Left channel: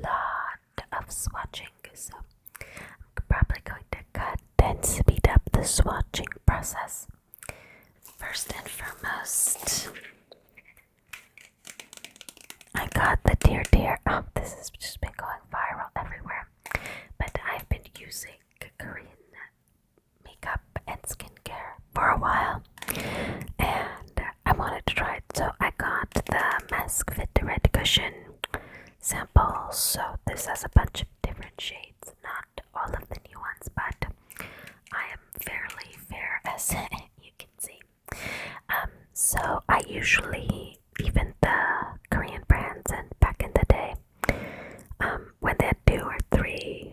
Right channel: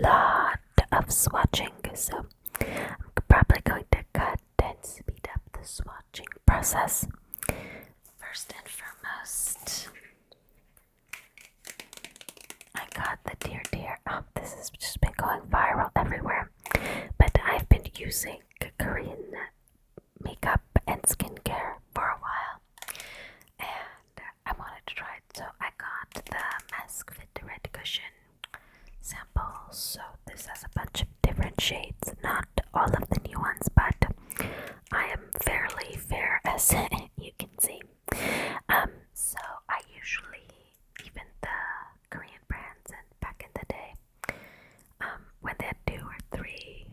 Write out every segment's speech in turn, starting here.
lot of swatching, so I'm probably going to cut and speed up the swatching process. First and foremost, I got the TirTir. Oh, this has just been going viral everywhere, but I've been using Korean makeup and skincare for a while, and I wanted to try it, so I got the Mask Fit Red Cushion sample. So this has a bunch of different shades, not all of the new ones, but I am fairly fair, as you can see. So I usually, even the Korean brands, and back in the day, when they had 2 or 3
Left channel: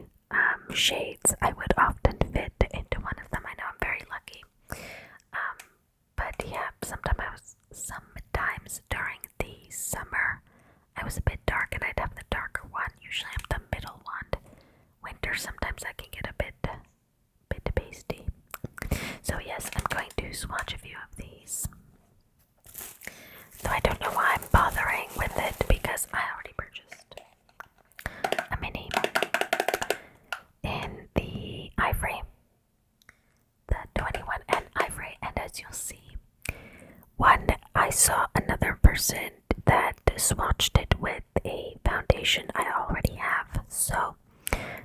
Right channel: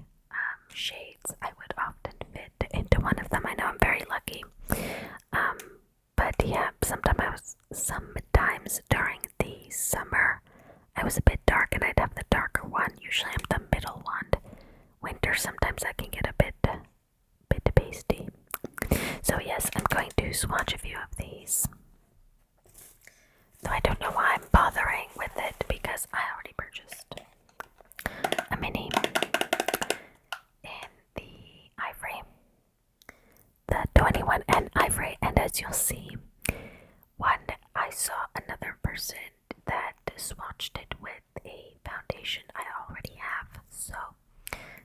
shades, I would often fit into one of them. I know I'm very lucky. But yeah, sometimes during the summer, I was a bit dark and I'd have the darker one. Usually I'm the middle one. Winter, sometimes I can get a bit pasty. So yes, I'm going to swatch a few of these. Though I don't know why I'm bothering with it, because I already purchased a mini in the ivory, the 21N ivory, and as you'll see, I saw another person that swatched it with a foundation I already have, so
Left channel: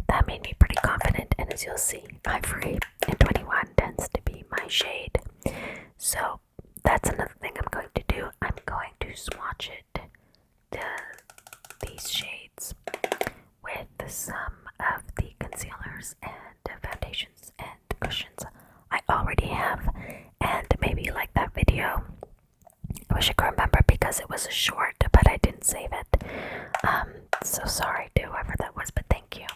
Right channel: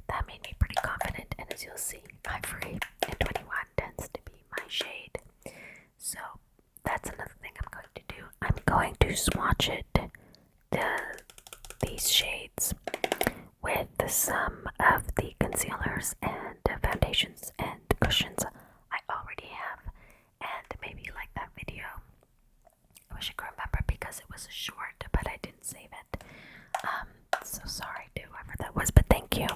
that made me pretty confident. And as you'll see, ivory and 21 tends to be my shade, so that's another thing I'm going to do. I'm going to swatch these shades with some of the concealers and foundations and cushions I already have, and maybe like that video. I wish I could remember because it was a short, but I didn't save it. So sorry to whoever that was, but thank you.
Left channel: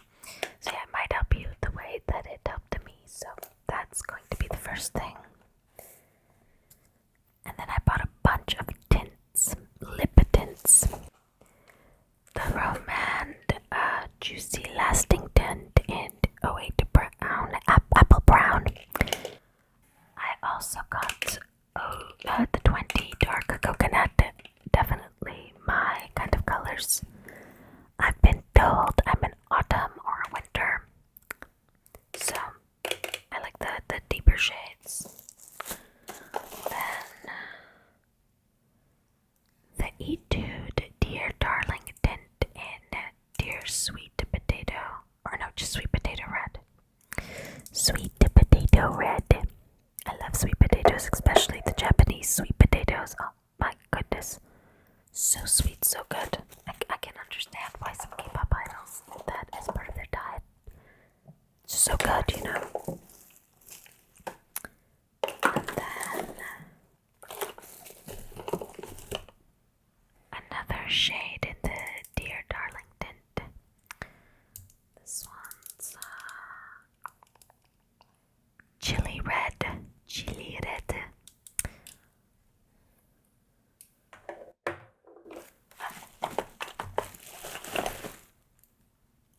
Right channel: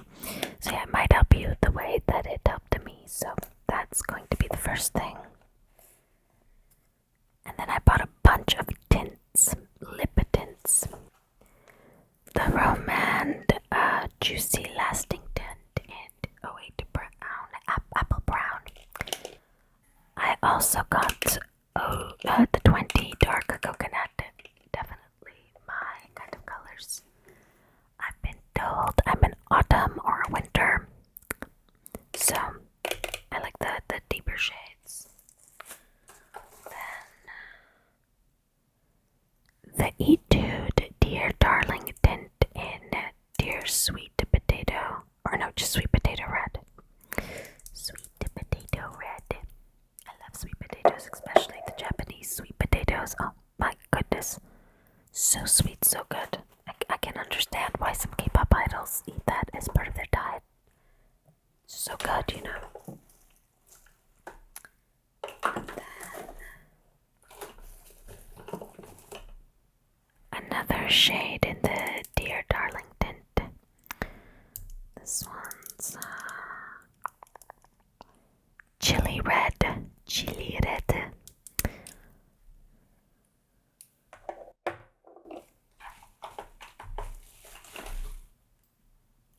So yeah, it might help you the way that it helped me. So that's going to be the first thing. And then I bought a bunch of tints, lip tints. The Romand Juicy Lasting Tint in 08 Brown, Apple Brown. I also got the 20 Dark Coconut, definitely my kind of colors. I've been told I'm an autumn or a winter, so I like the deeper shades. Then the Etude Dear Darling Tint in Dear Sweet Potato, or no, just Sweet Potato Red. Sweet Potato Red. I love sweet potatoes, especially the Japanese sweet potatoes. Oh my goodness. So sweet, so good. I can understand why some K-pop idols eat that as part of their diet. It's so good, you know. And then another shade in the Dear Darling Tint. This one's Chili Red. Chili Red.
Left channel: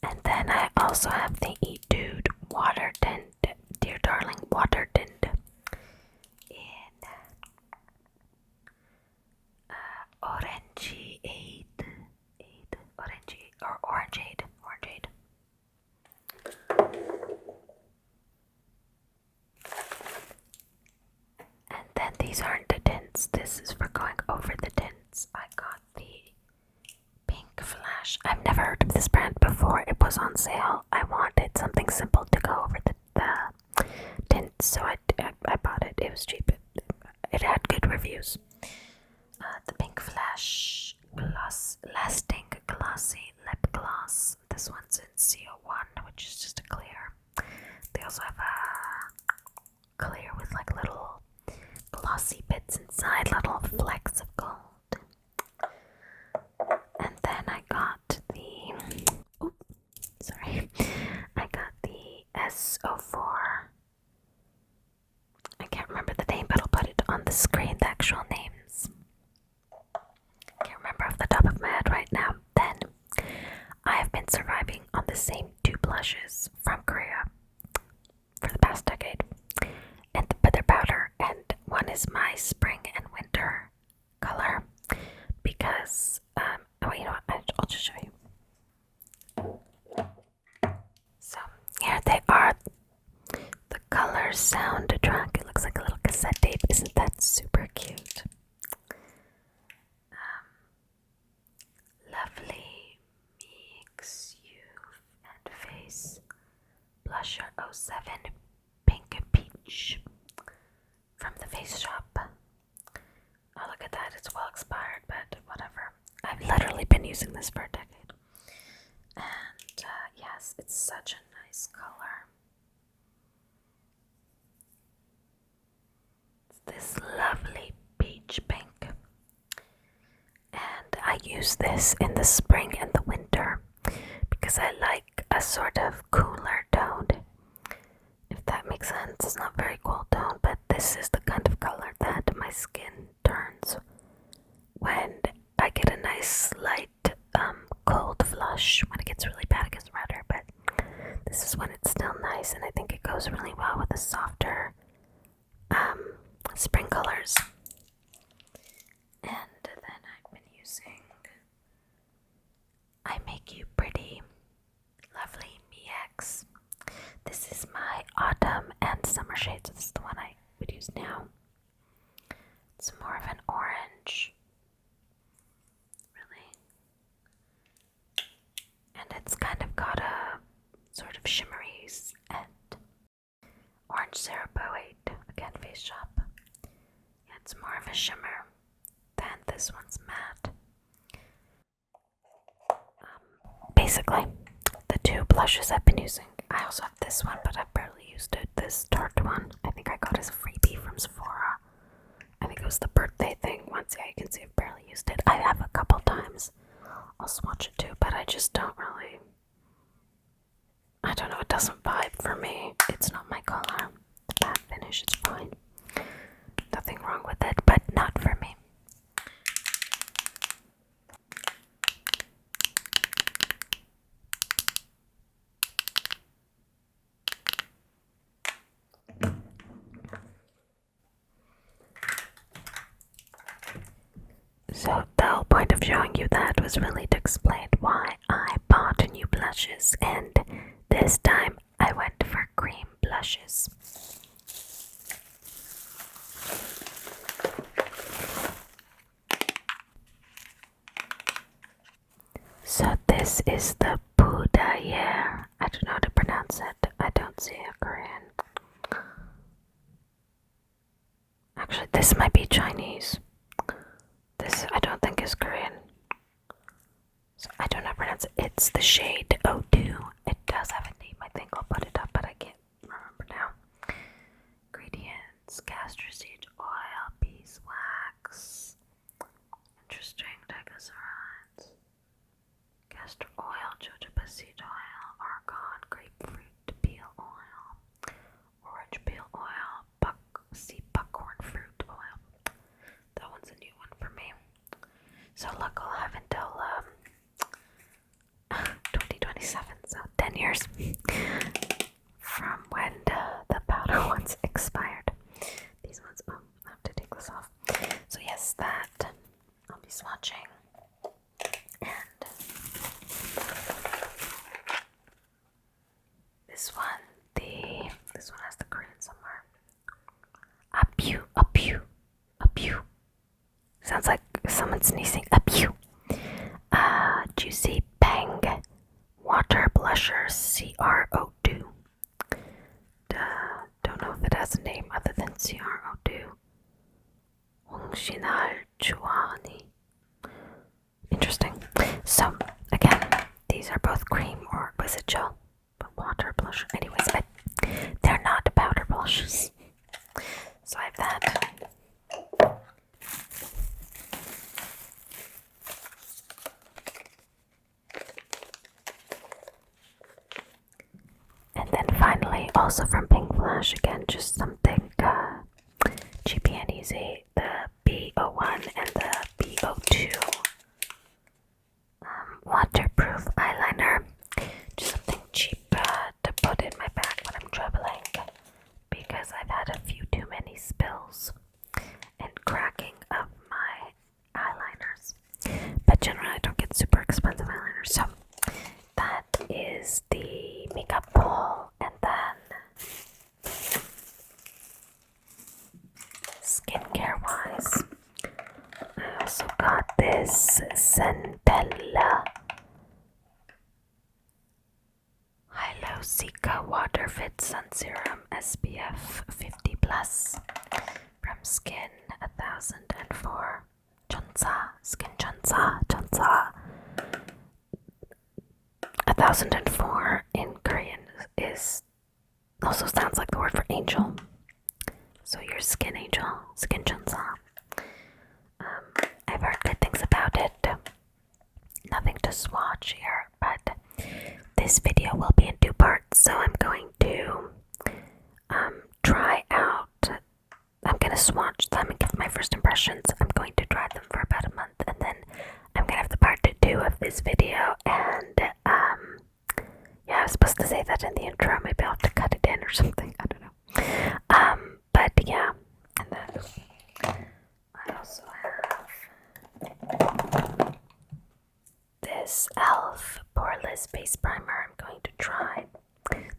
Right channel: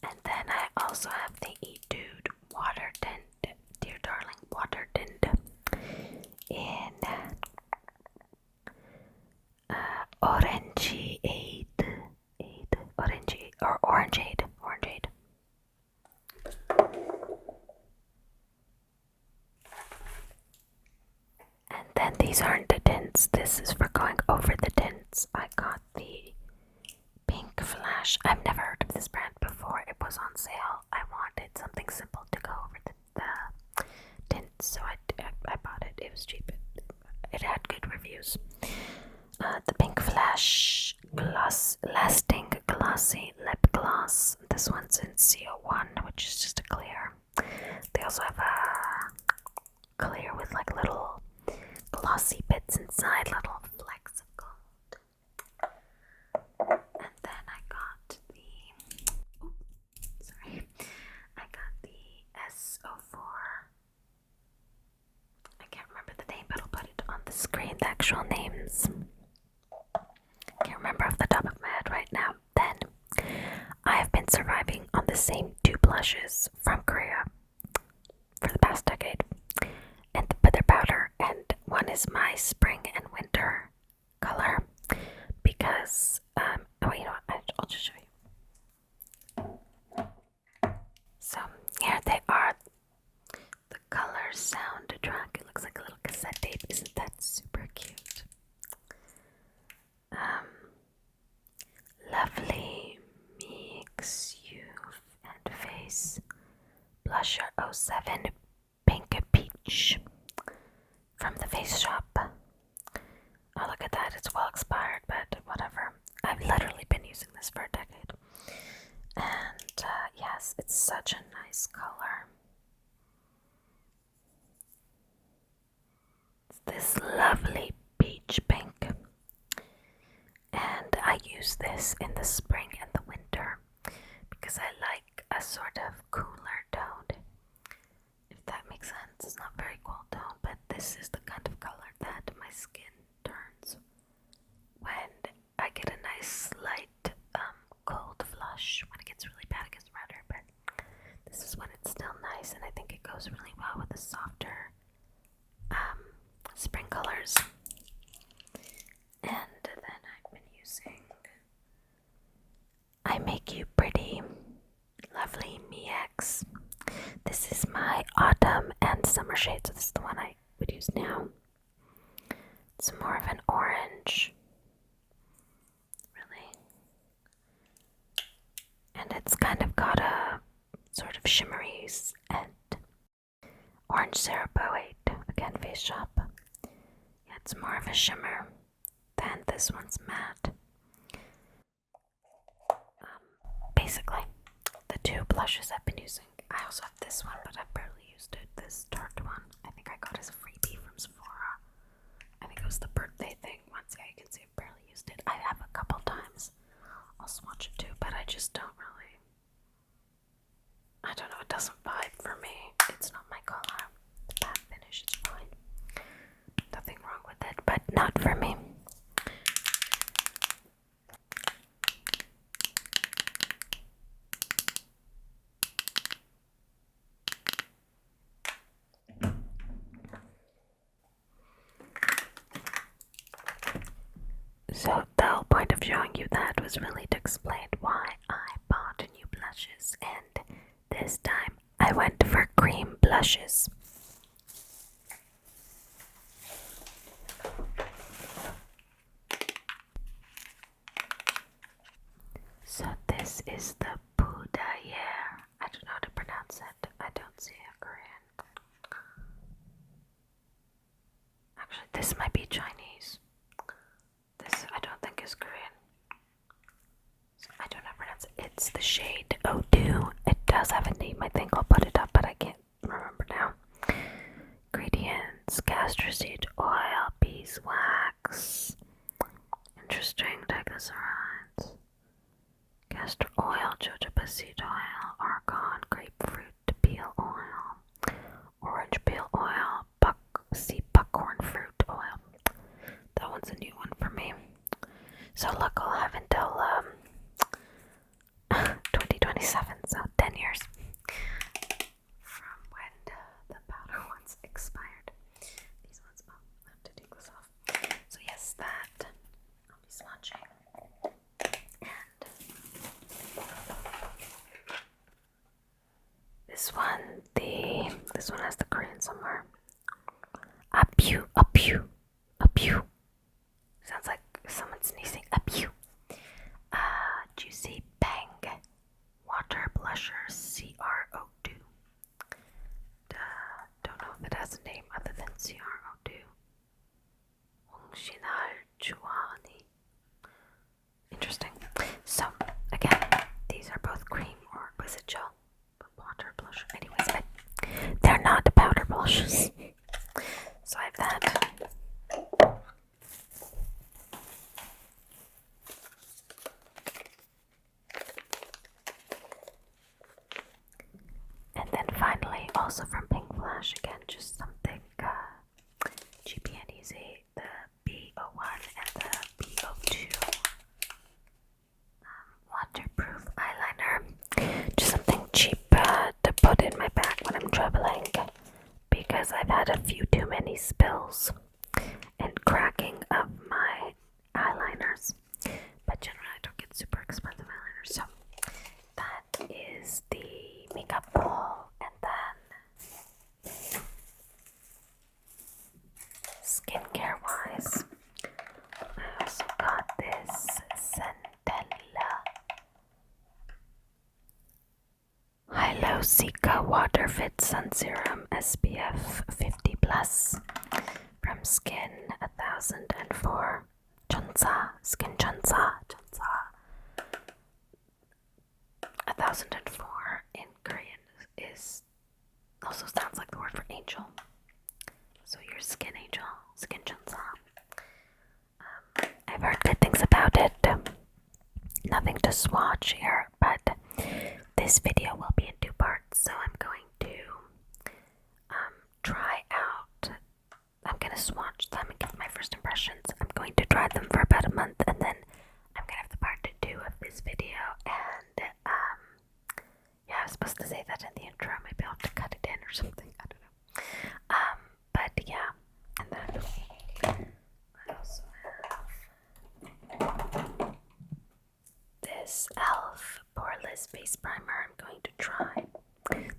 And then I also have the Etude Water Tint, Dear Darling Water Tint in Orangeade, Orangeade. And then these aren't the tints. This is for going over the tints. I got the PinkFlash. I've never heard of this brand before. It was on sale. I wanted something simple to go over the tints, so I bought it. It was cheap. It had good reviews. The PinkFlash Lasting Glossy Lip Gloss. This one's in CO1, which is just a clear. They also have a clear with like little glossy bits inside, little flecks of gold. And then I got the S04. I can't remember the name, but I'll put it on the screen, the actual names. Can't remember off the top of my head right now. Then I have been surviving on the same 2 blushes from Korea for the past decade, but they're powder, and one is my spring and winter color because I'll just show you. soundtrack. It looks like a little cassette tape. Isn't that super cute? Lovely Mix You and Face Blusher 07 Pink Peach from the Face Shop. Oh, look at that. It's well expired, but whatever. I've literally been using this for a decade. And yes, it's such a nice color. It's this lovely peach pink. And I use this in the spring and the winter because I like a sort of cooler tone. If that makes sense, it's not very cool tone, but this is the kind of color that my skin turns when I get a nice light cold flush. When it gets really bad, it gets redder, but this is when it's still nice, and I think it goes really well with the softer spring colors. And then I've been using I Make You Pretty Lovely MX. This is my autumn and summer shade, so this is the one I would use now. It's more of an orange, really. And it's kind of got a sort of shimmery and orange syrup 08, again, Face Shop. Yeah, it's more of a shimmer than this one's matte. Basically, the two blushes I've been using. I also have this one, but I've barely used it. This Tarte one, I think I got as a freebie from Sephora. I think it was the birthday thing once. Yeah, you can see I've barely used it. I have a couple times. I'll swatch it too, but I just don't really. I don't know, it doesn't vibe for me. It's not my color. The matte finish is fine. Nothing wrong with it, but not for me. So the whole point of showing you that was really to explain why I bought new blushes, and this time I went for cream blushes. So this is the Pudaier. I don't know how to pronounce it. I don't see a Korean. Actually, this might be Chinese. This I don't think is Korean. So I don't know how to pronounce it. It's the shade Etude. It does have a name. I think I'll put it up, but I can't remember now. Ingredients: castor seed oil, beeswax. Interesting. Triglycerides. Castor oil, jojoba seed oil, argan, grapefruit peel oil, orange peel oil, buckhorn fruit oil. That one's a new one for me. So look, I'll have until 2027, so 10 years from when the powder ones expired. These ones, I have to take this off. So yes, that I'll be swatching. And this one has the Korean somewhere. A pew. Sounds like someone sneezing. A pew. Juicy Bang Water Blusher CR02. Don't know if it has a name other than CR02. Hongshinal Chuani. Interesting. So, again, these are both cream or was it gel? But water blusher. Anyways, but they're not powder blushes. So I have that. And then finally, also from PinkFlash, again, just something cheapy and easy. The B01 and the B02 waterproof eyeliner. Just something cheap to put in my bag when I'm traveling, because I've had a few too many spills and cracking of my eyeliners. But generally, I don't get super expensive eyeliners. So that is the makeup haul, and then got this Centella Hyalu-Cica Water Fit Sun Serum SPF 50 plus from Skin1004 Chunsa 1004 in Korean is also sounds like the word for angel. So your skin angel, Skin Chunsa. I've heard good things about it. Nothing to swatch here, but this video will be in 2 parts, so I'm going to try out. I'm gonna swatch them and give my first impressions. I'm going to try them for about a month, and then I'm gonna have the part 2 of this video. And yeah, I was supposed to say that in the intro. Maybe I'll have to cut it in or something. I don't know. But yeah, and then I also have this e.l.f. Poreless Base Primer I'm going to try.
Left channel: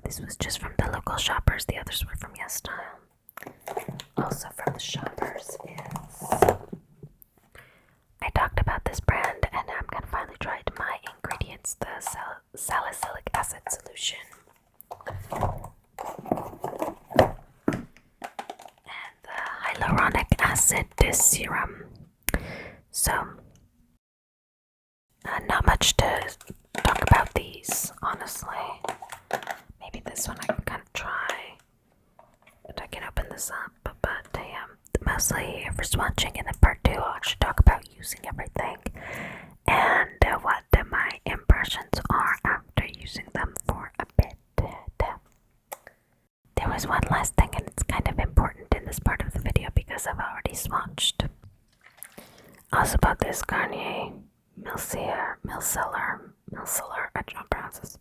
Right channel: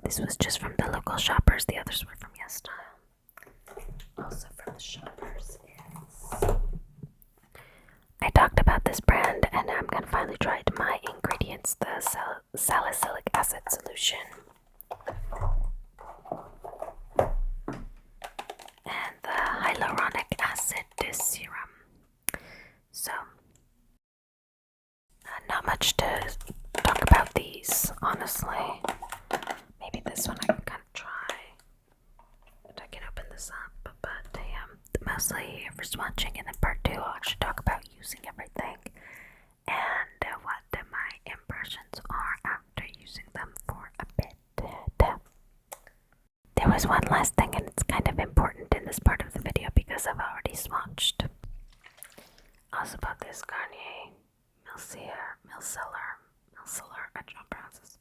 This was just from the local shoppers. The others were from YesStyle. Also from the shoppers is... I talked about this brand and I'm going to finally try it. My ingredients, the salicylic acid solution. And the hyaluronic acid serum. So, not much to talk about these, honestly. Maybe this one I can kind of try. But I can open this up. But mostly here for swatching, and then part 2 I'll actually talk about using everything and what my impressions are after using them for a bit. There was one last thing, and it's kind of important in this part of the video because I've already swatched. Also bought this Garnier Micellar, I don't pronounce this,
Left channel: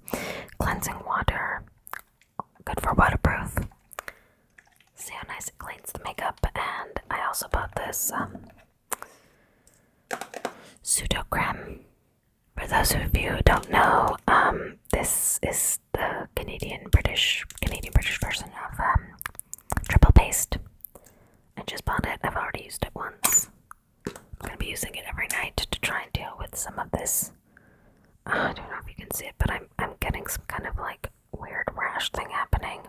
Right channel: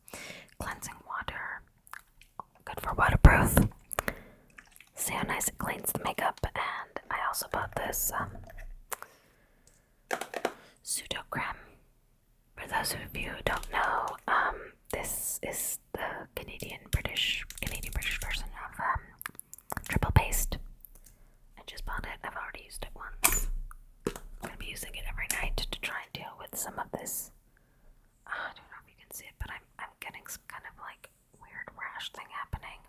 cleansing water, good for waterproof. See how nice it cleans the makeup. And I also bought this pseudo creme. For those of you who don't know, this is the Canadian British version of triple paste. I just bought it. I've already used it once. I'm gonna be using it every night to try and deal with some of this. I don't know if you can see it, but I'm getting some kind of like weird rash thing happening.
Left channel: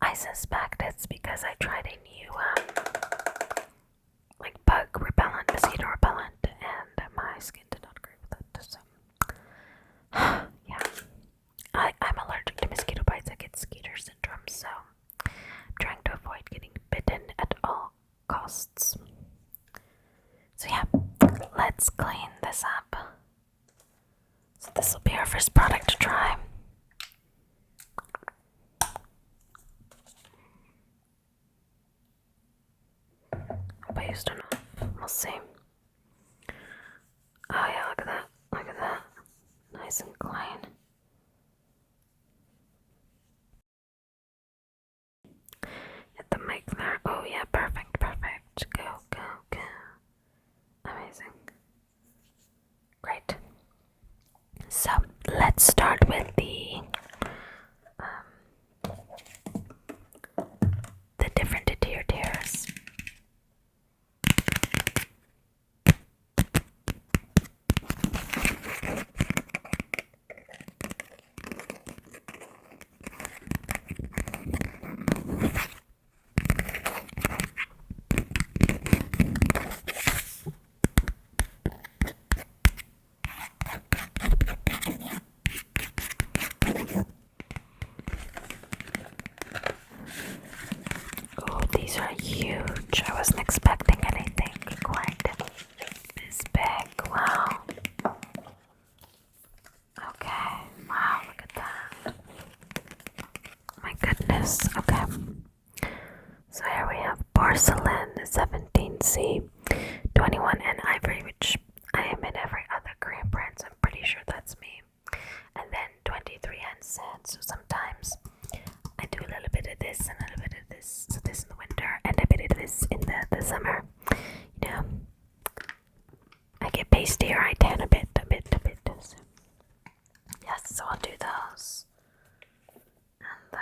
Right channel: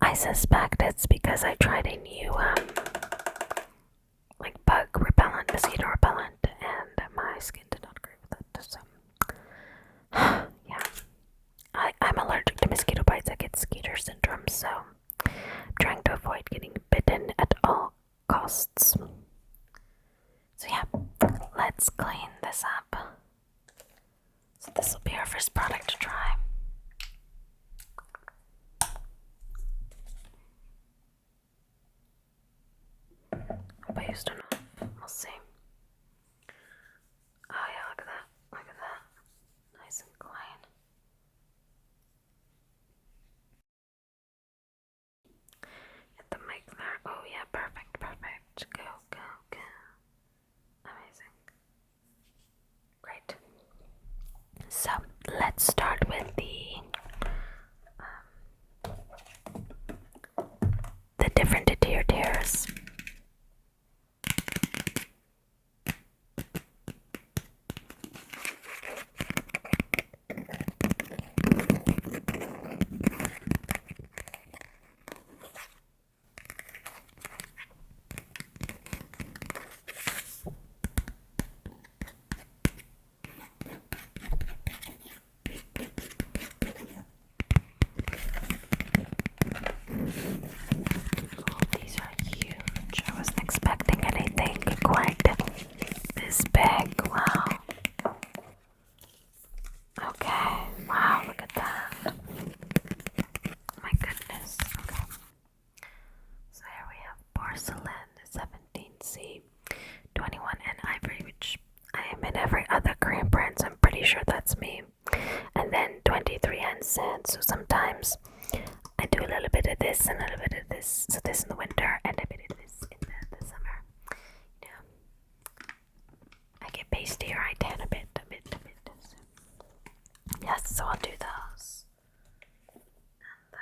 I suspect it's because I tried a new like bug repellent, mosquito repellent, and my skin did not agree with it. So yeah, I'm allergic to mosquito bites. I get skeeter syndrome, so I'm trying to avoid getting bitten at all costs. So yeah, let's clean this up. So this will be our first product to try. Hope I used enough. We'll see. Oh yeah, look at that. Look at that. Nice and clean. Hit the mic there. Oh yeah, perfect. Go. Amazing. Great. So let's start with the different TirTirs. Oh, these are huge. I wasn't expecting anything quite this big. Wow. Okay. Wow, look at that. My goodness. Okay. So here we have porcelain 17C, 21 and ivory, which I am in every other Korean brand, so I'm pretty sure that's me. And then 23 and sand. So sometimes I do a little bit of this and a little bit of this. So this in the winter and a bit of this in the summer. You know, I get pasty or I tan a bit. So, yes, so I'll do those. And then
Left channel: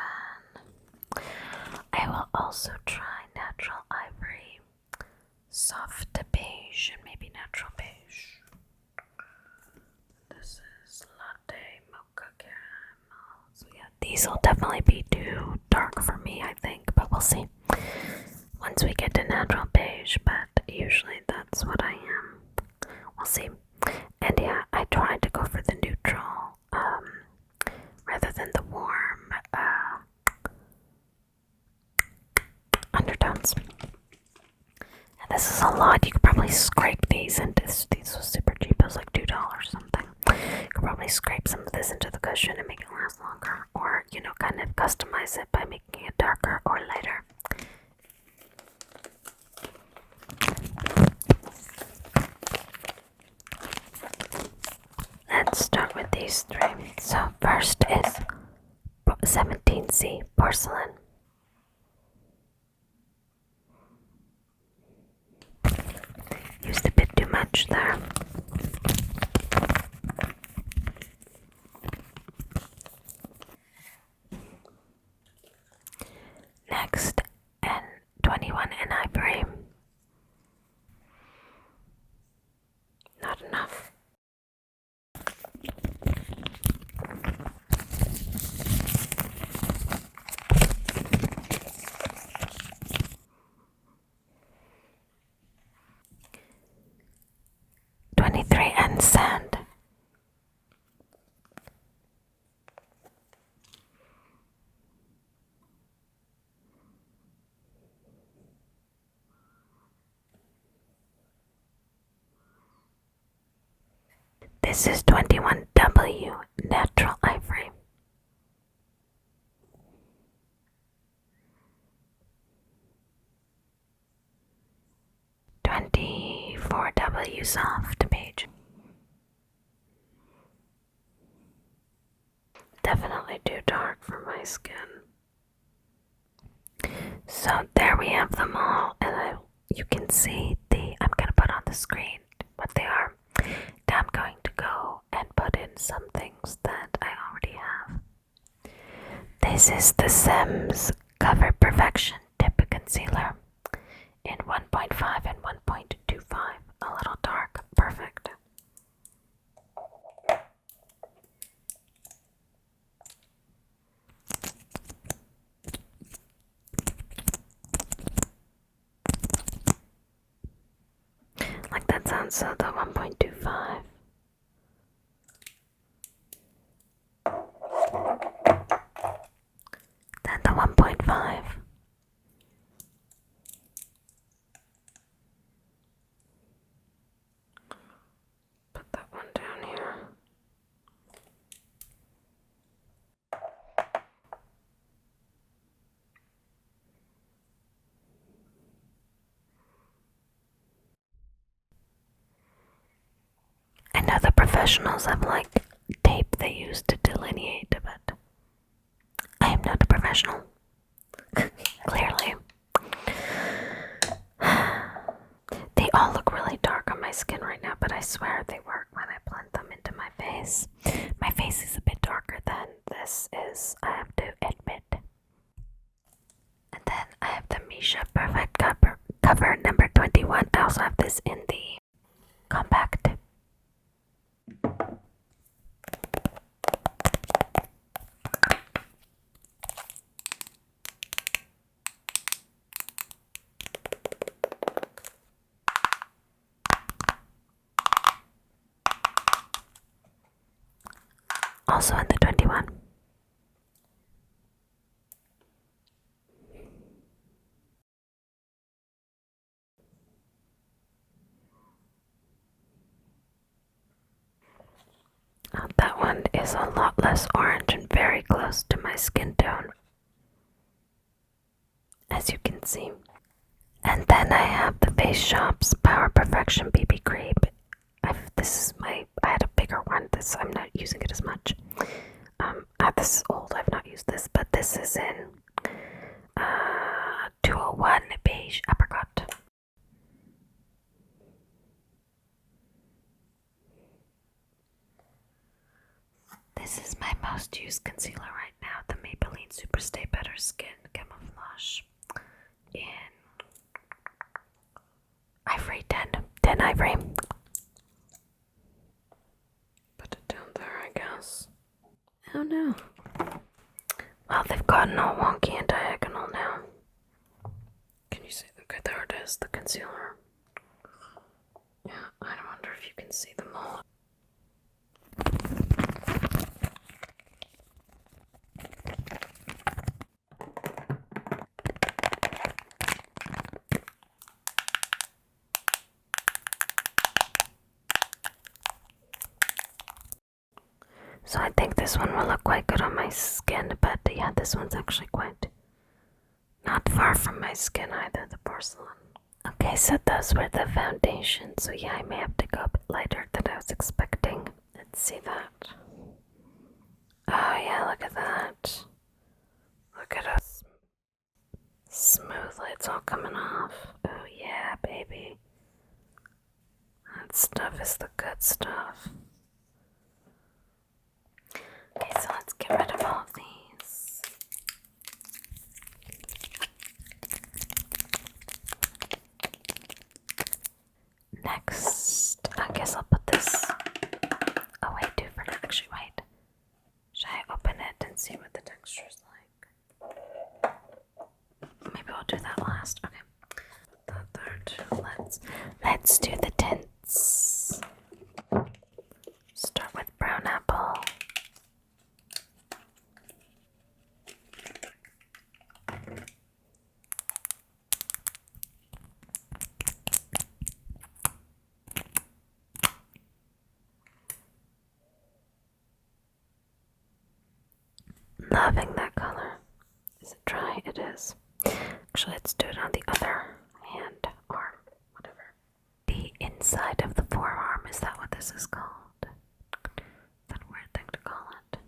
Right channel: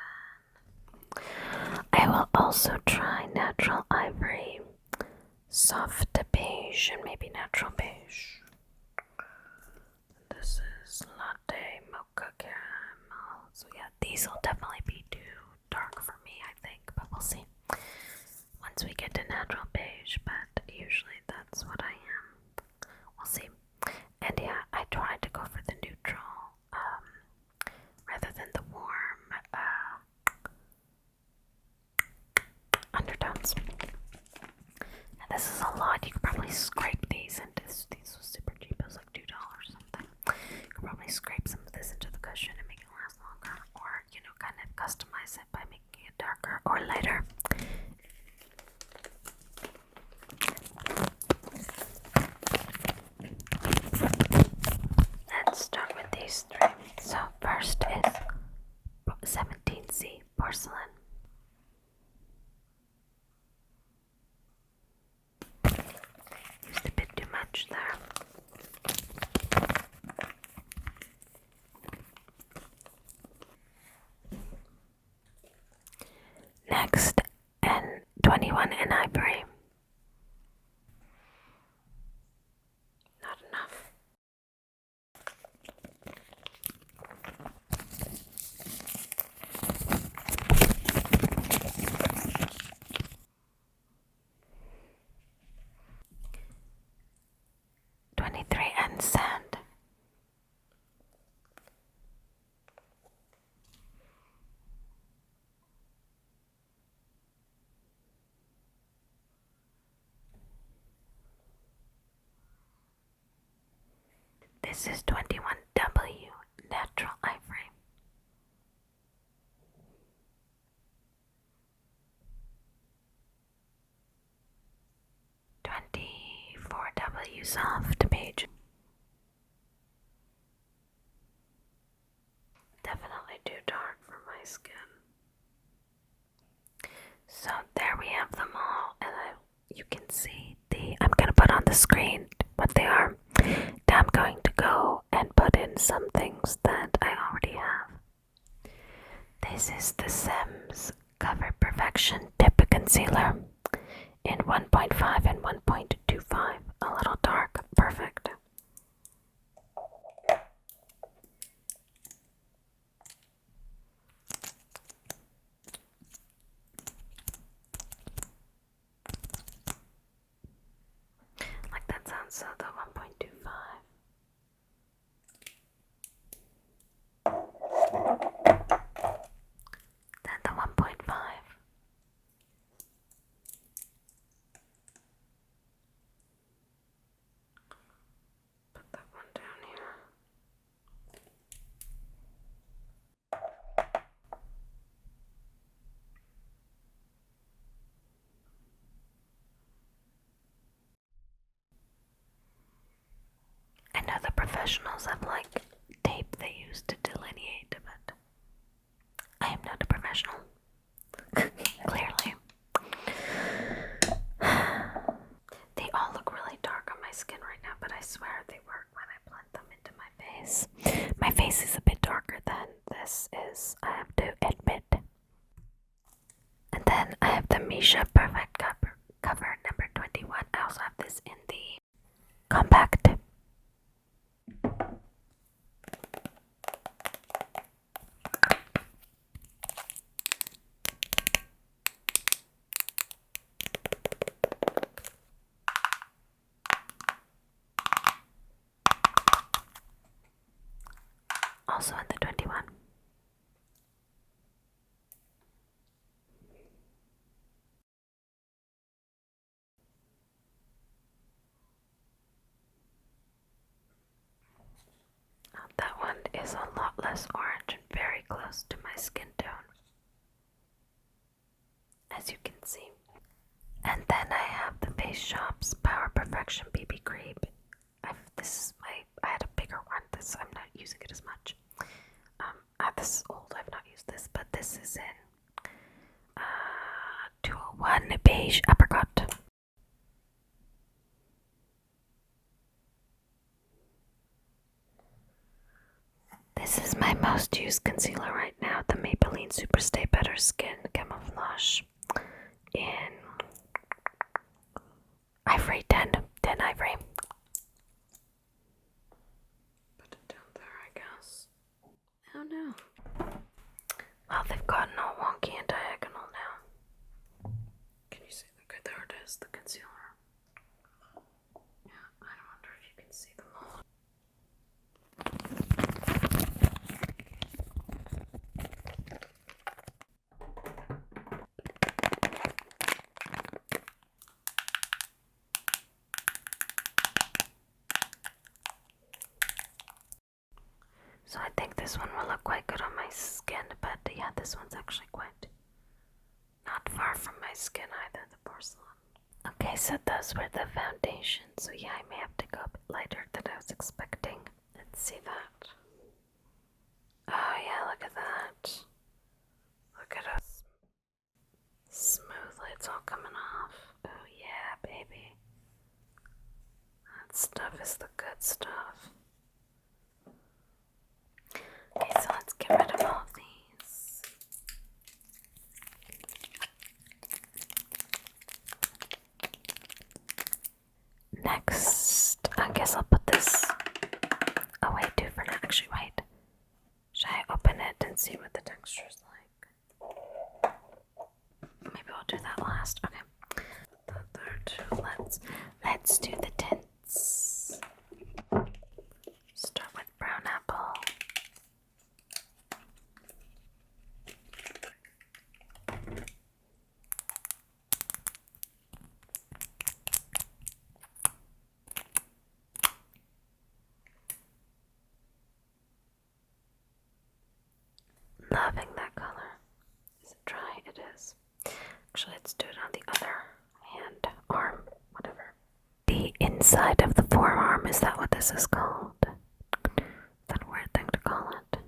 I will also try natural ivory soft beige beige and maybe natural beige. This is latte mocha caramel. So yeah, these will definitely be too dark for me, I think, but we'll see once we get to natural beige, but usually that's what I am. We'll see. And yeah, I tried to go for the neutral rather than the warm undertones. And this is a lot. You could probably scrape these into these were super cheap. It was like $2 or something. You could probably scrape some of this into the cushion and make it last longer, or you know, kind of customize it by making it darker or lighter. Let's start with these three. So first is 17C porcelain. Used a bit too much there. Next, N21 in ivory. Not enough. And sand. This is 21W natural ivory. $24W soft beige. Definitely too dark for my skin. So there we have them all, and you can see I'm gonna put on the screen what they are. Now I'm going to go and put in some things that I already have. This is the Sims Cover Perfection Tip Concealer in 1.5 and 1.25. A little dark, perfect. Like that sounds, so the 1.25. Then the 1.5. Put that one down here. I know the professionals have like tape they use to delineate, but I am not a professional. Clearly. They all look really dark on my skin right now, but I swear they work when I blend them into my face. My face is a bit darker than this is, I have to admit. And then I have the Misha Perfect Cover number 21. I also have this in the compact. Also in the 21. That one is a lot less orange and very close to my skin tone, as you can see. And then I have the Face Shop's Power Perfection BB Cream. I had a bigger one. I'm not using it as much. This is old. I've not used this, but this is in 201 Beige Apricot. This is my most used concealer right now, the Maybelline Super Stay Better Skin Camouflage in Ivory 10 Ivory. Ivory. Put it down there, I guess. Oh no. Well, they've gotten all wonky and diagonal now. Can you see? Okay, there it is, the concealer. Yeah, I wonder if you can see them all. So I think this one will look quite good on my skin, but yeah, this one's actually quite not far from my skin either, the porcelain. Okay, so those were the foundations. So yeah, I may have to go a bit lighter than I was expecting. Let's see that. Oh yeah, look at that. Look at us. Smoothly, it's all coming off. Oh yeah, baby. That stuff is the good stuff. Okay, so let's get rid of all of these. Next, I guess I'll put this away too for now. Actually, wait. Should I open it and see what the texture is like? Maybe I'll do that last. Okay. Put that there too. Let's do the tints. Start with brown apple. Loving that color. Is it dry? It is. Actually, let's do it on the other hand, arm, whatever. The inside of the forearm, is that what this is called? That weird thing to call it.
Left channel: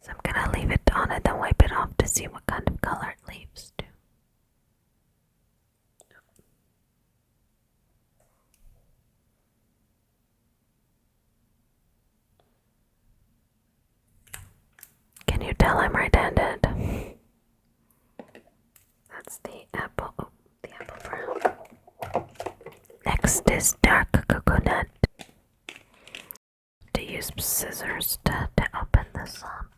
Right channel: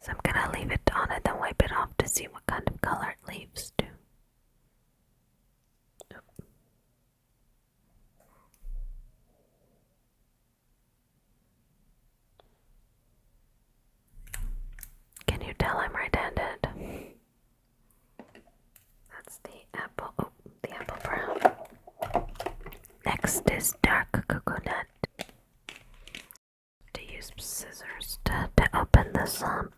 So I'm gonna leave it on and then wipe it off to see what kind of color it leaves too. Can you tell I'm right-handed? That's the apple. Oh, the apple brown. Next is dark coconut. To use scissors to open this up.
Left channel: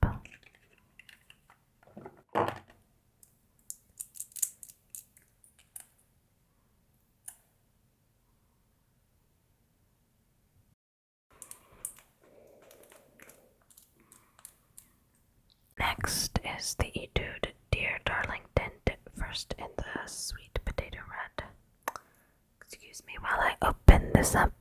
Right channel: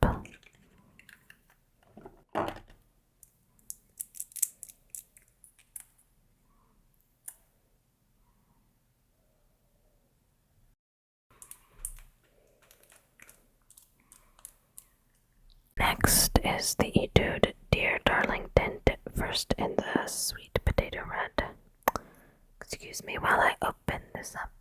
Next is the Etude Dear Darling Tint, first in the sweet potato red. Excuse me while I open this up.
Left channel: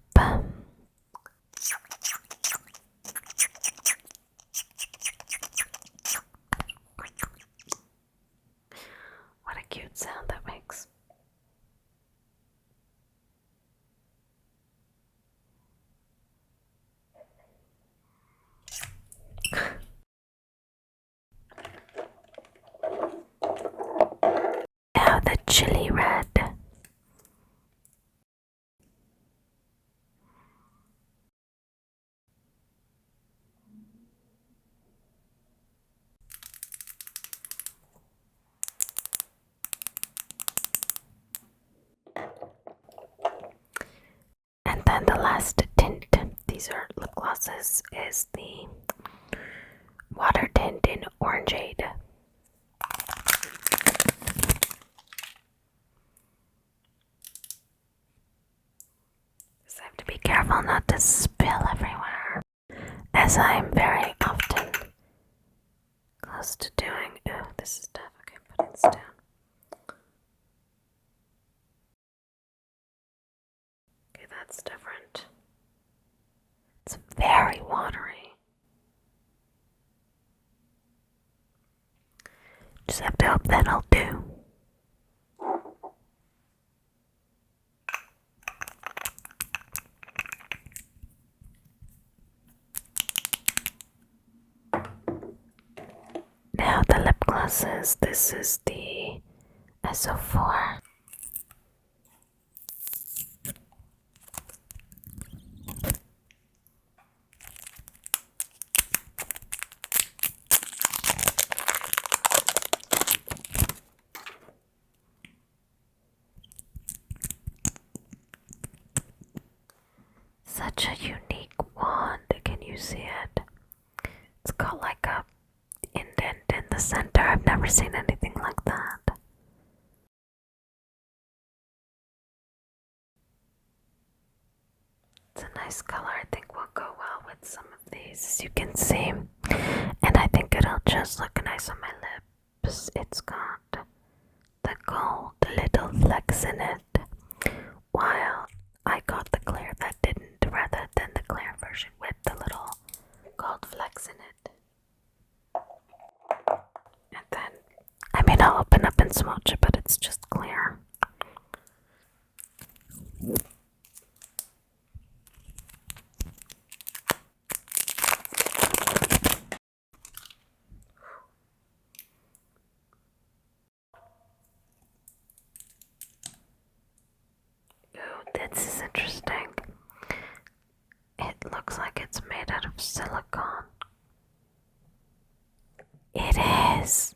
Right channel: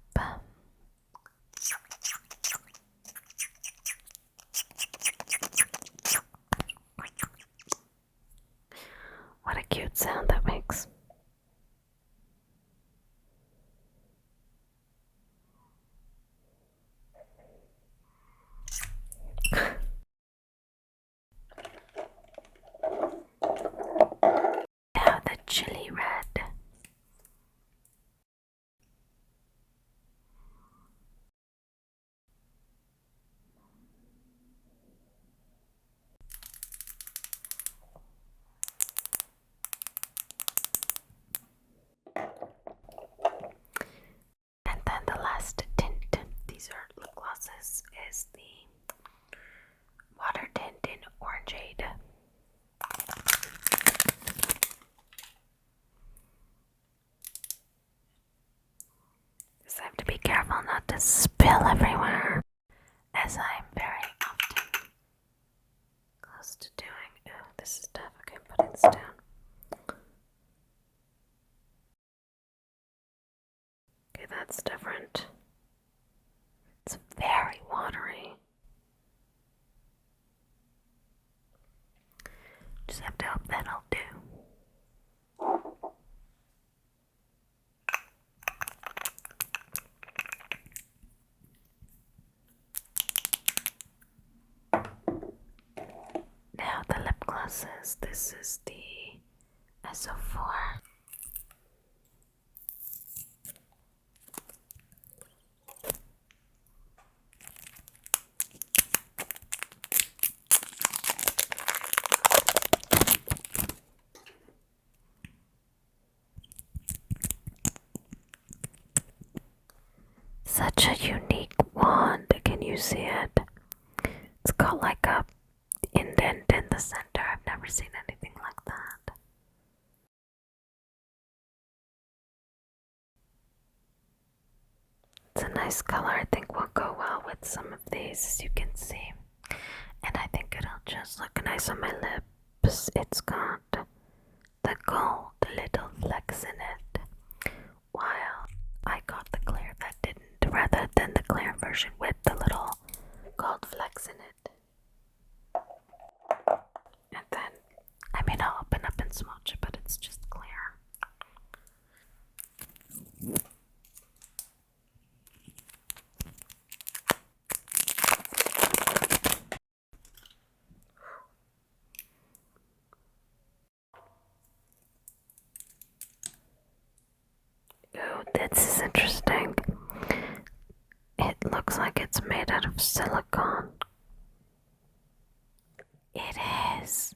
What a cute sound that makes. Now the chili red. And then the last tint, these are lip glosses, is the water tint in Orangeade. So I have to be careful not to spill everywhere, as I'm very often close to doing. Oh, this is tough. Okay, I'm putting this down. Okay, that's different. It's very watery. Just have to hope that'll do. Now the lip glosses. This is the SO4. such a unique wand. Can you see it? It's got like a indent in the center. I've never seen anything like that. It's a nice color. I think will go well with some of these, as you can see. And I think it'll just look nice on my lips. It's got the gold little flecks in it, while I got the clear that didn't, rather than the clear version with the little gold flecks in it. And then, I mean, I'll open up and swatch it, but it's just clear. Ooh, this is interesting. It looks like it's made out of silicone. It is.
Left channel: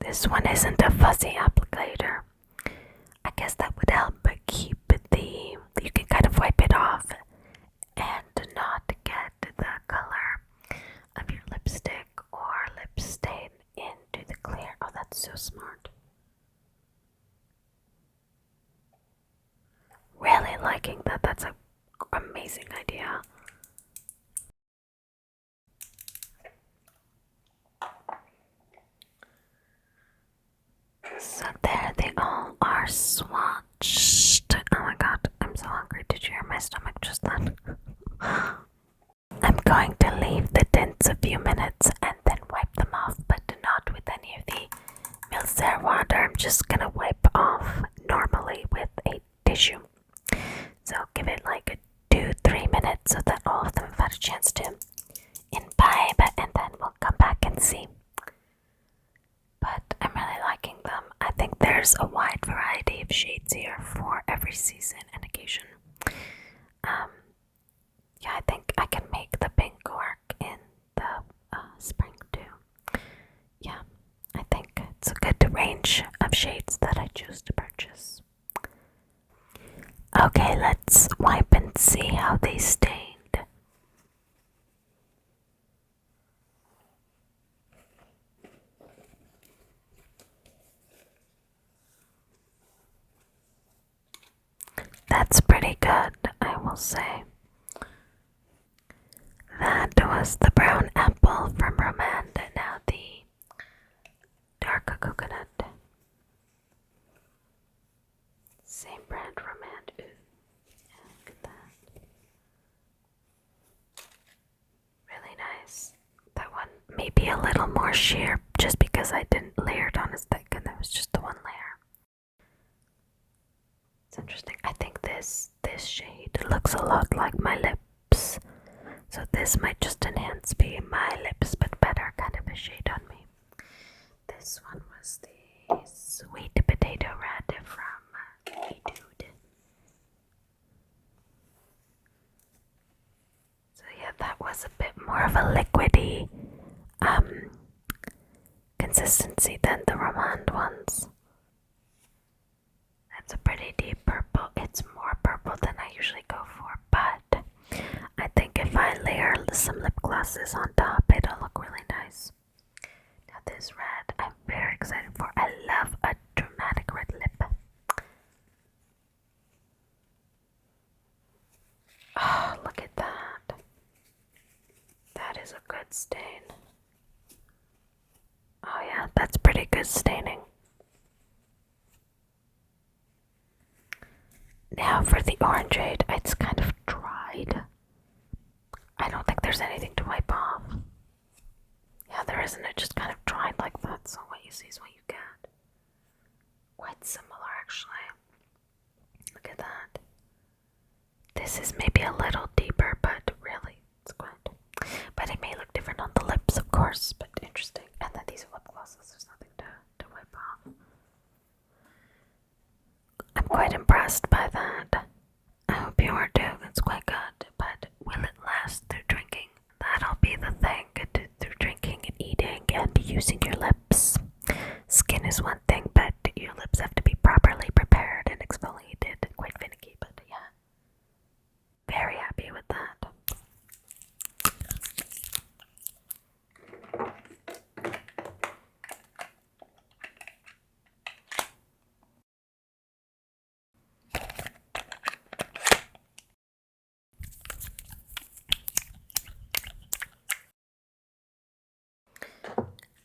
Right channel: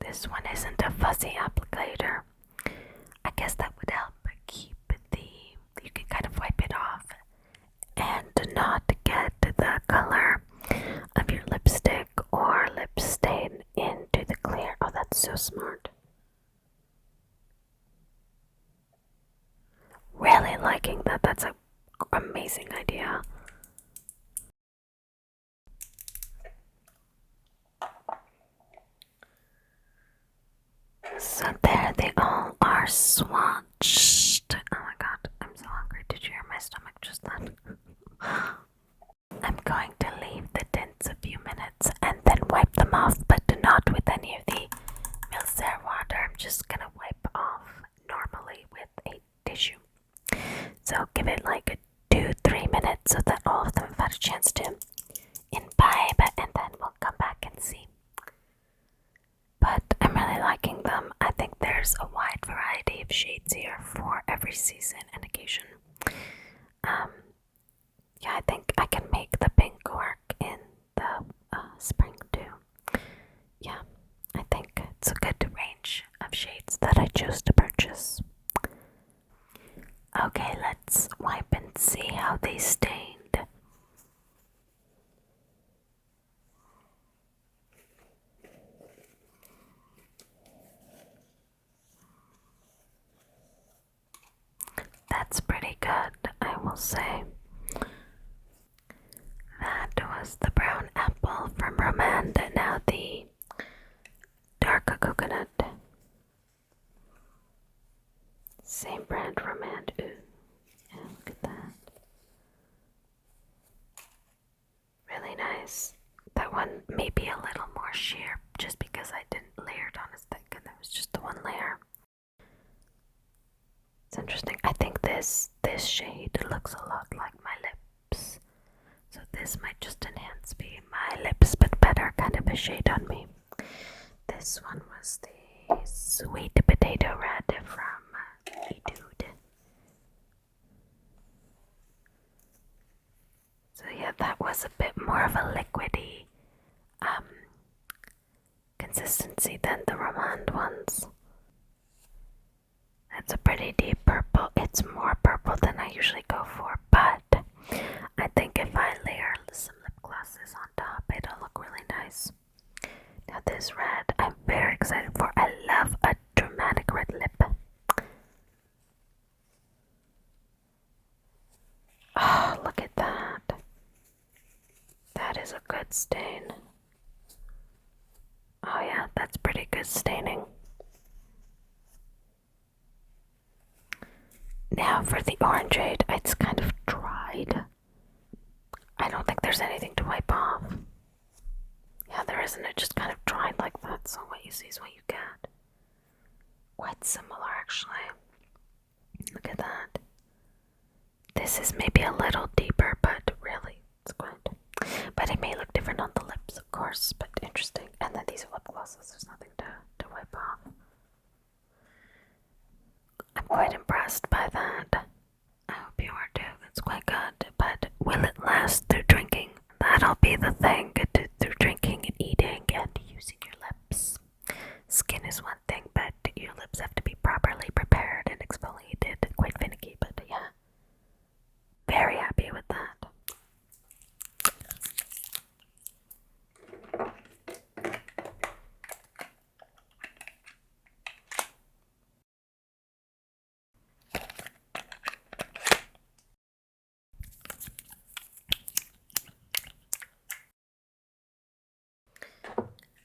This one isn't a fuzzy applicator. I guess that would help keep the, you can kind of wipe it off and not get the color of your lipstick or lip stain into the clear. Oh, that's so smart. Really liking that. That's an amazing idea. So there they all are swatched. Oh my god, I'm so hungry. Did you hear my stomach just then? I'm going to leave the tints a few minutes and then wipe them off, but not with any of the Micellar water. I'm just gonna wipe off normally with a tissue. So give it like 2-3 minutes so that all of them have had a chance to imbibe, and then we'll come back and see. But I'm really liking them. I think there's a wide variety of shades here for every season and occasion. Yeah, I think I can make the pink work in the spring too. Yeah, I think it's a good range of shades that I chose to purchase. Okay, let's wipe and see how they stained. That's pretty good, I will say. That was the brown apple from Romand, and now the dark coconut. Same brand, Romand. Ooh, yeah, look at that. Really nice. That one may be a little more sheer just because I didn't layer it on as thick and there was just the one layer. It's interesting. I think this shade looks a lot like my lips. So this might just enhance my lips, but better kind of a shade on me. This one was the Sweet Potato Red from Etude. So yeah, that was a bit more of a liquidy consistency than the Romand ones. It's a pretty deep purple. It's more purple than I usually go for, but I think if I layer some lip glosses on top, it'll look really nice. Now this red, I'm very excited for. I love a dramatic red lip. Oh, look at that. That is a good stain. Oh yeah, that's pretty good staining. Now for the Orangeade, it's kind of dried. I don't think there's anything to wipe off. Yeah, there isn't. It just kind of dried like that, so what you see is what you get. Quite similar, actually. Look at that. This is maybe a little deeper, but really, it's good. But it may look different on the lips, of course, but interesting. And then these are lip glosses. There's nothing to wipe off. I'm quite impressed by that. I hope you are too. It's quite good, but will it last through drinking? That'll be the thing, through drinking and eating and using your lips. Skin is one thing, but your lips have to be properly prepared and exfoliated. Quite finicky, but yeah.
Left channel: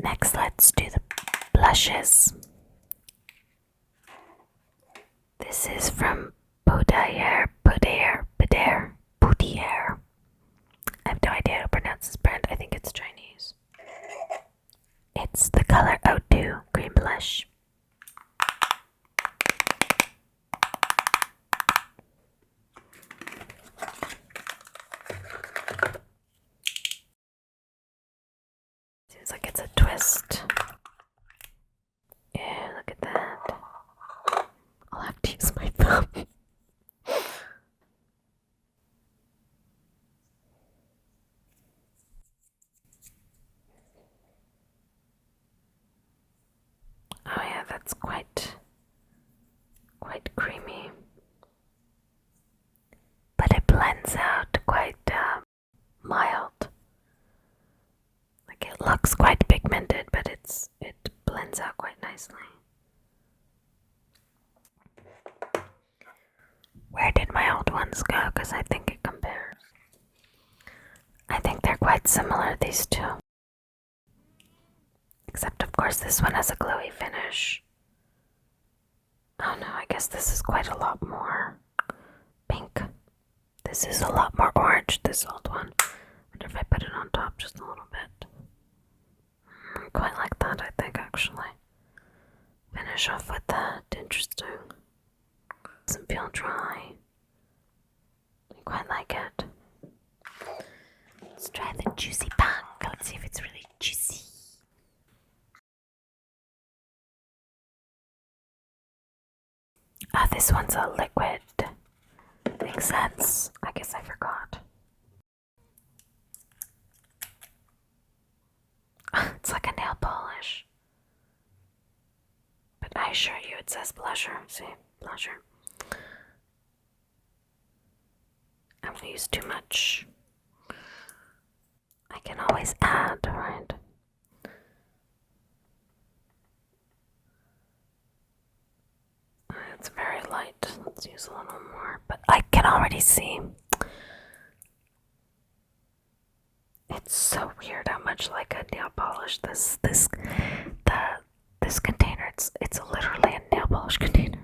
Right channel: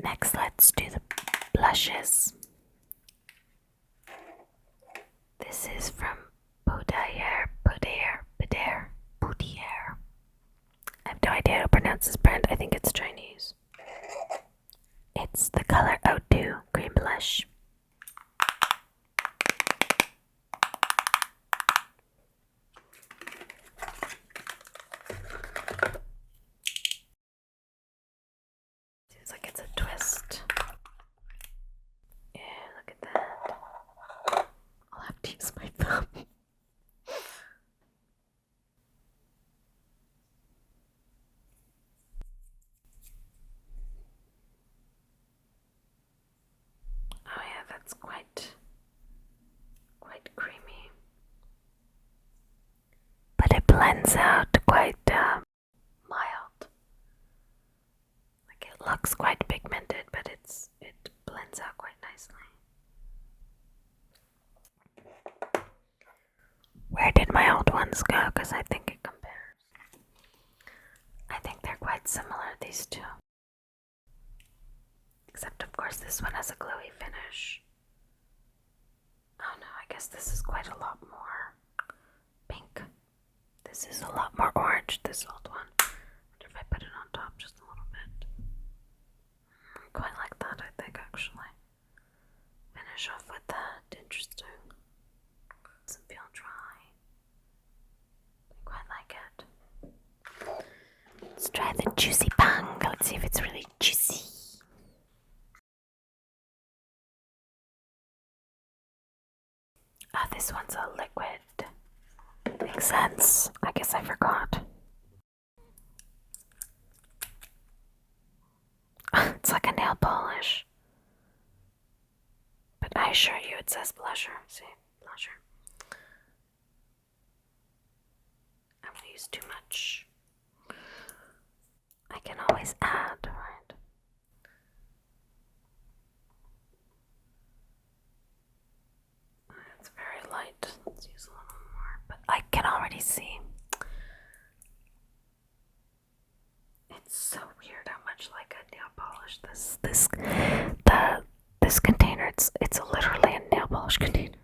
Next, let's do the blushes. This is from Pudaier. I have no idea how to pronounce this brand. I think it's Chinese. It's the color Etude Cream Blush. Seems like it's a twist. Yeah, look at that. I'll have to use my thumb. Oh yeah, that's quite creamy. But it blends out quite mild. Like it looks quite pigmented, but it blends out quite nicely. Where did my old ones go? Because I think it compares. I think they're quite similar, these two. Except, of course, this one has a glowy finish. Oh no, I guess this is quite a lot more pink. This is a lot more orange, this old one. I wonder if I put it on top just a little bit. Quite like that, I think, actually. Finish off with that. Interesting. Doesn't feel dry. I quite like it. Let's try the juicy pang. Let's see if it's really juicy. Ah, this one's a liquid. Makes sense. I guess I forgot. It's like a nail polish. But I assure you it says blusher. See? Blusher. I'm gonna use too much. I can always add, right? It's very light. Let's use a little more. But I can already see. It's so weird how much like a nail polish this container. It's literally a nail polish container.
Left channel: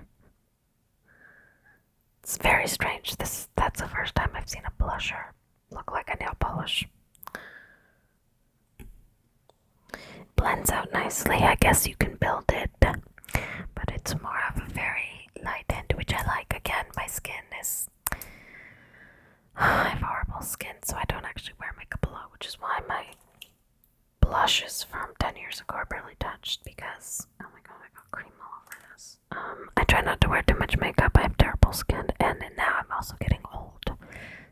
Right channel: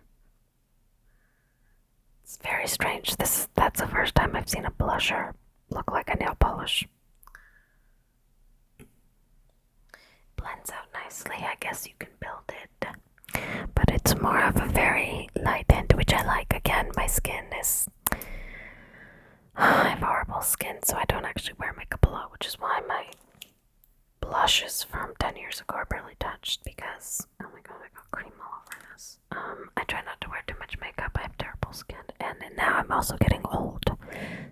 It's very strange. That's the first time I've seen a blusher look like a nail polish. Blends out nicely. I guess you can build it, but it's more of a very light end, which I like. Again, my skin is I have horrible skin, so I don't actually wear makeup a lot, which is why my blushes from 10 years ago are barely touched, because oh my god, I got cream all over this. I try not to wear too much makeup. I have terrible skin, and now I'm also getting old,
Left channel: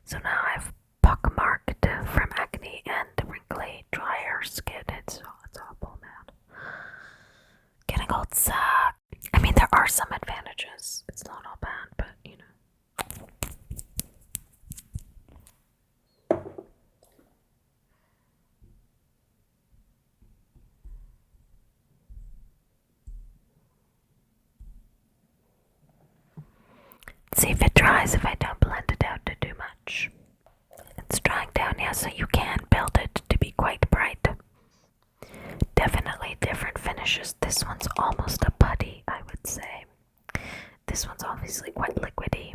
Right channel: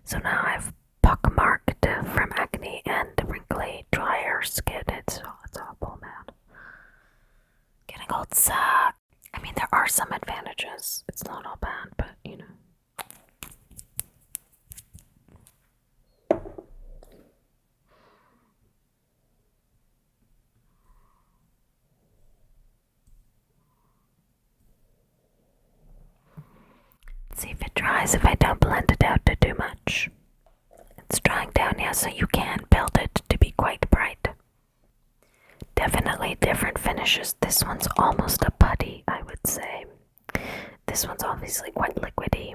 so now I have pockmarked from acne and wrinkly, drier skin. It's awful, man. Getting old sucks. I mean, there are some advantages. It's not all bad, but you know. See if it dries if I don't blend it out to too much. It's drying down, yeah, so you can build it to be quite bright. Definitely different finishes. This one's almost a putty, I would say. This one's obviously quite liquidy.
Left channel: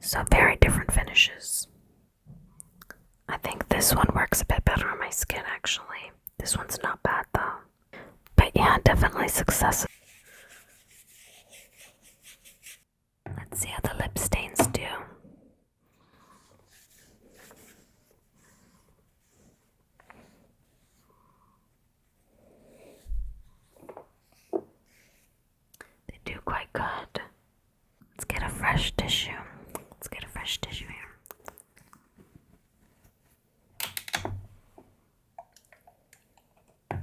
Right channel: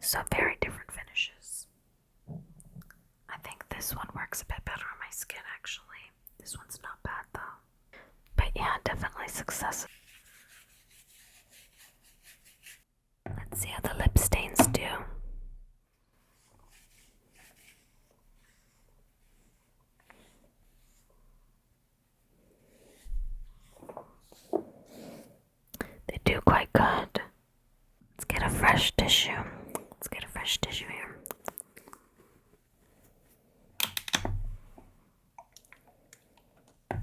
So very different finishes. I think this one works a bit better on my skin, actually. This one's not bad, though. But yeah, definitely success. Let's see how the lip stains do. They do quite good. Let's get a fresh tissue. Let's get a fresh tissue here. I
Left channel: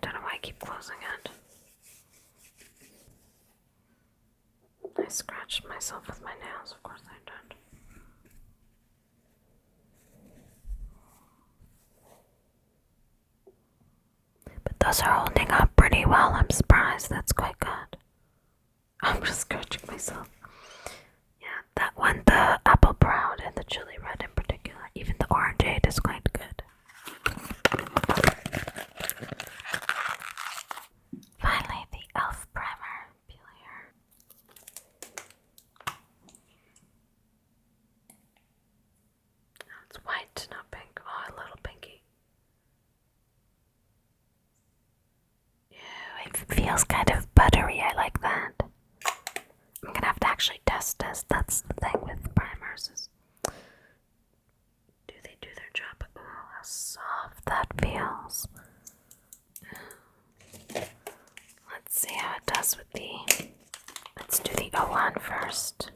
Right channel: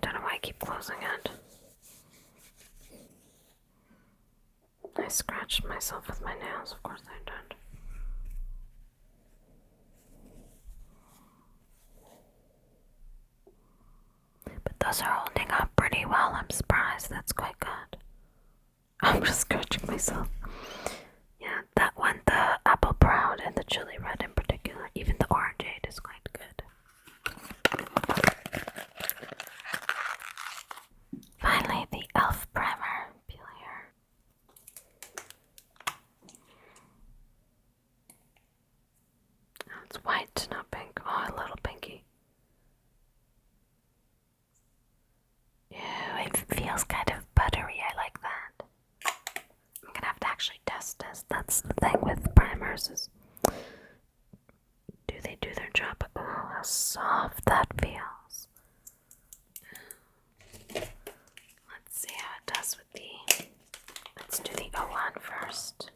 don't know why I keep closing it. I scratched myself with my nails, of course I did. But those are holding up pretty well. I'm surprised. That's quite good. I'm just scratching myself. Yeah, that one, the apple brown and the chili red in particular, even the orangeade is quite good. soft that feels. Let's see how it does with the... Let's do the 01 first.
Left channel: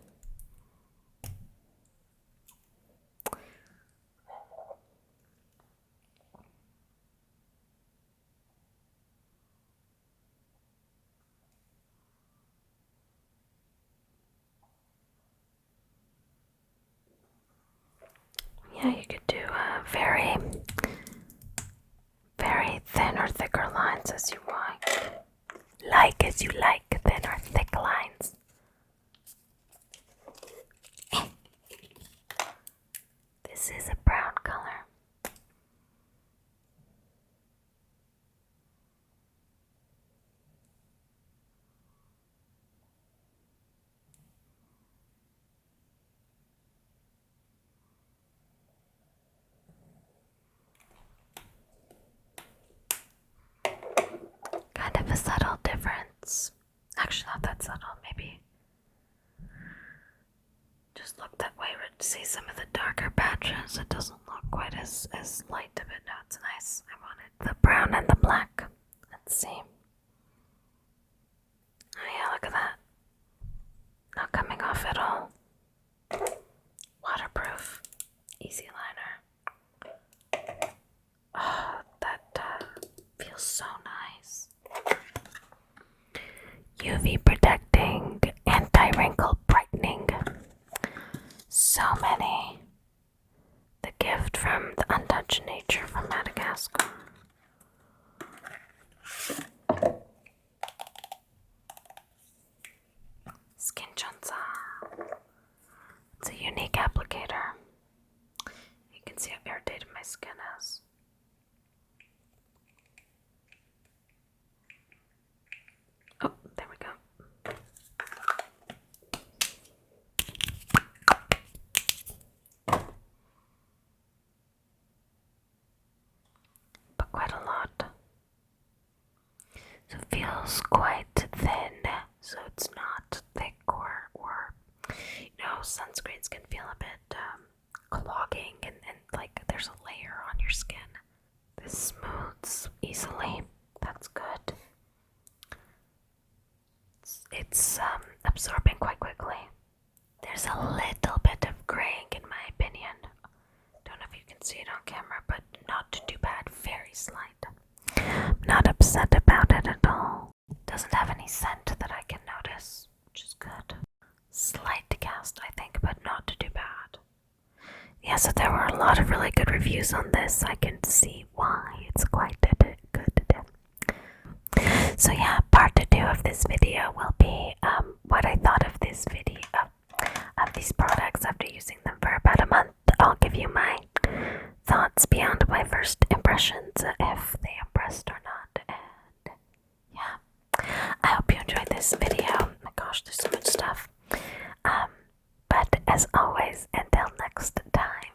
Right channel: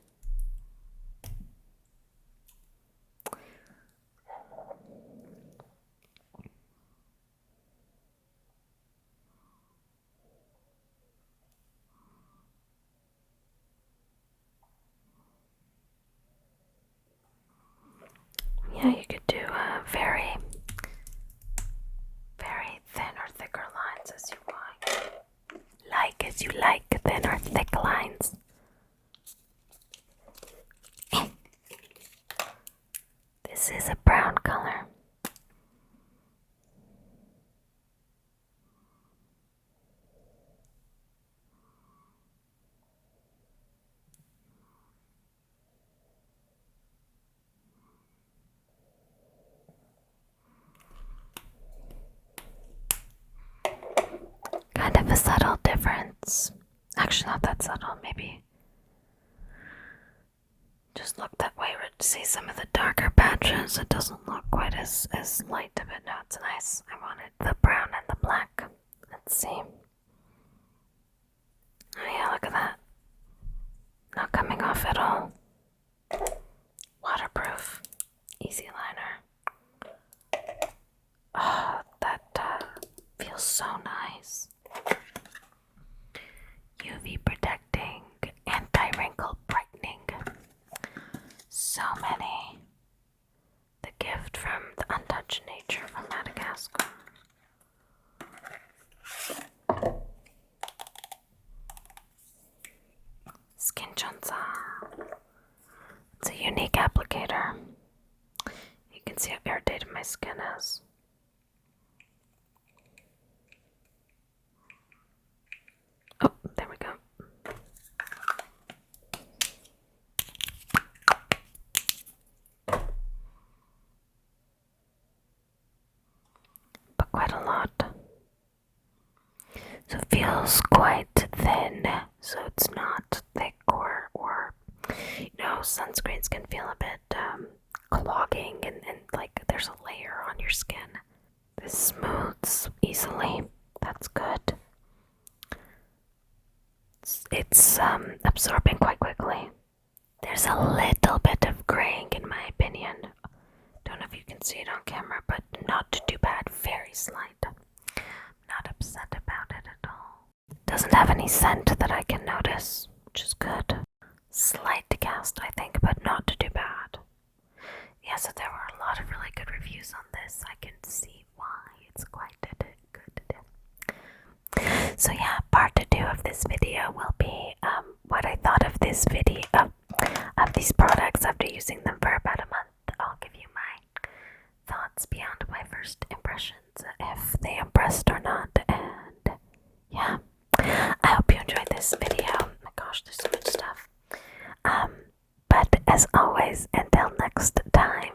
Yeah, you could do very thin or thicker lines as you like. As you like, thin or thick lines. This is a brown color. Kind of a subtle difference. Actually, not that subtle, maybe. Just look that way to see some of the darker patches. It doesn't look quite as light of it. No, it's nice. I wanted the brown and the black. Let's see. Oh yeah, look at that. Not coming off at all. Waterproof. Easy liner. Oh, that feels so nice. UV protecting, anti-wrinkle brightening. So many. The gift from the untouched nature from Madagascar. Skin1004. It's a unique applicator. You can see how irritated my skin is. Oh, there we go. But quite a lot. So it feels quite thin, so it's not thick or sunscreens can feel a bit clogging and like there's a layer on your skin. This smooths easily. That's good. It's absorbing quite quickly. There's a little bit of graying in my opinion. Don't know if you can see it on camera, but not too bad. Very slight. Not upset about it at all. Doesn't have any scent that I can notice, which is good. Slight cast, I think, but not too bad. Yeah, so there were a lot of really good reviews on this. I can see why it's quite good. So yeah, part 2 of this video will be what I thought of this video of these products after using them for about a month. I'll give you my thoughts beyond my first impressions, if they impressed or not, and yeah. I hope you enjoyed this video. Oh my gosh, there's so much stuff. But as always, until next time,